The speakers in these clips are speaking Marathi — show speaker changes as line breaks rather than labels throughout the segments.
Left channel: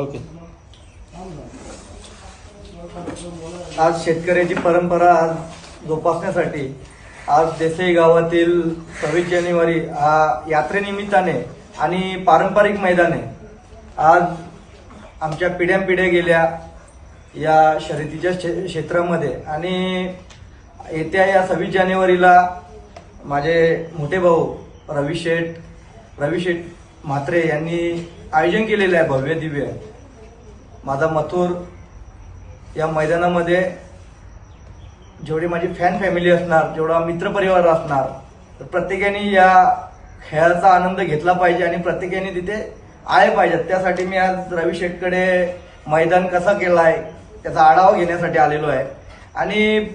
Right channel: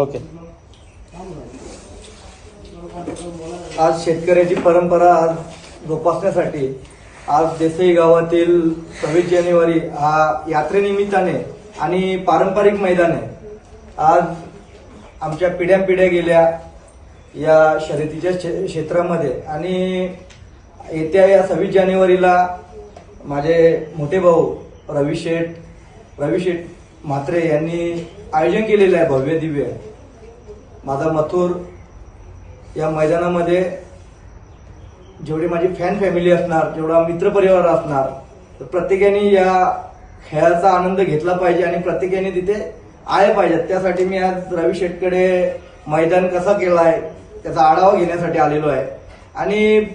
ओके. आज शेतकऱ्याची परंपरा आज जोपासण्यासाठी आज देसाई गावातील सव्वीस जानेवारी हा यात्रेनिमित्ताने आणि पारंपरिक मैदाने आज आमच्या पिढ्यानपिढ्या गेल्या या शर्यतीच्या क्षेत्रामध्ये. आणि येत्या या सव्वीस जानेवारीला माझे मोठे भाऊ रवी शेठ रवी शेठ म्हात्रे यांनी आयोजन केलेलं आहे भव्य दिव्य. माझा मथुर या मैदानामध्ये जेवढी माझी फॅन फॅमिली असणार जेवढा मित्रपरिवार असणार तर प्रत्येकाने या खेळाचा आनंद घेतला पाहिजे आणि प्रत्येकाने तिथे आले पाहिजेत त्यासाठी मी आज रवी शेटकडे मैदान कसं केलं आहे त्याचा आढावा घेण्यासाठी आलेलो आहे. आणि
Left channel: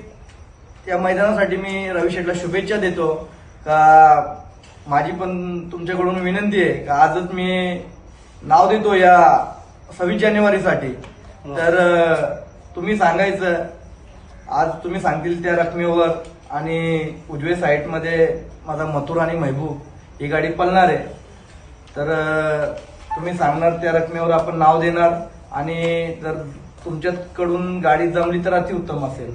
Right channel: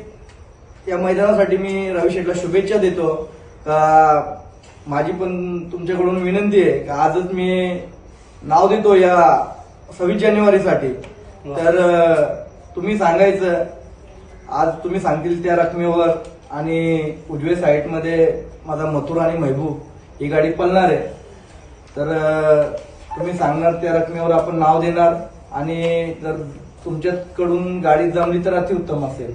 या मैदानासाठी मी रवी शेटला शुभेच्छा देतो. का माझी पण तुमच्याकडून विनंती आहे का आजच मी नाव देतो या सव्वीस जानेवारीसाठी. तर तुम्ही सांगायचं आज तुम्ही सांगतील त्या रकमेवर आणि उजवे साईडमध्ये माझा मथुर आणि महबूब ही गाडी पळणार आहे. तर तुम्ही सांगणार त्या रकमेवर आपण नाव देणार आणि जर तुमच्याकडून गाडी जमली तर अतिउत्तम असेल.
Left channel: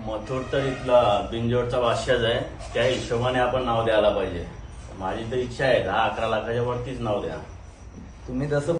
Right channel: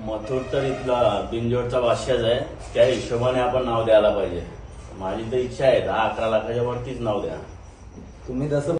मथुर तर इथला बिंजोडचा बादशाच आहे. त्या हिशोबाने आपण नाव द्यायला पाहिजे. माझी तर इच्छा आहे दहा अकरा लाखाच्या वरतीच नाव द्या. तुम्ही तसं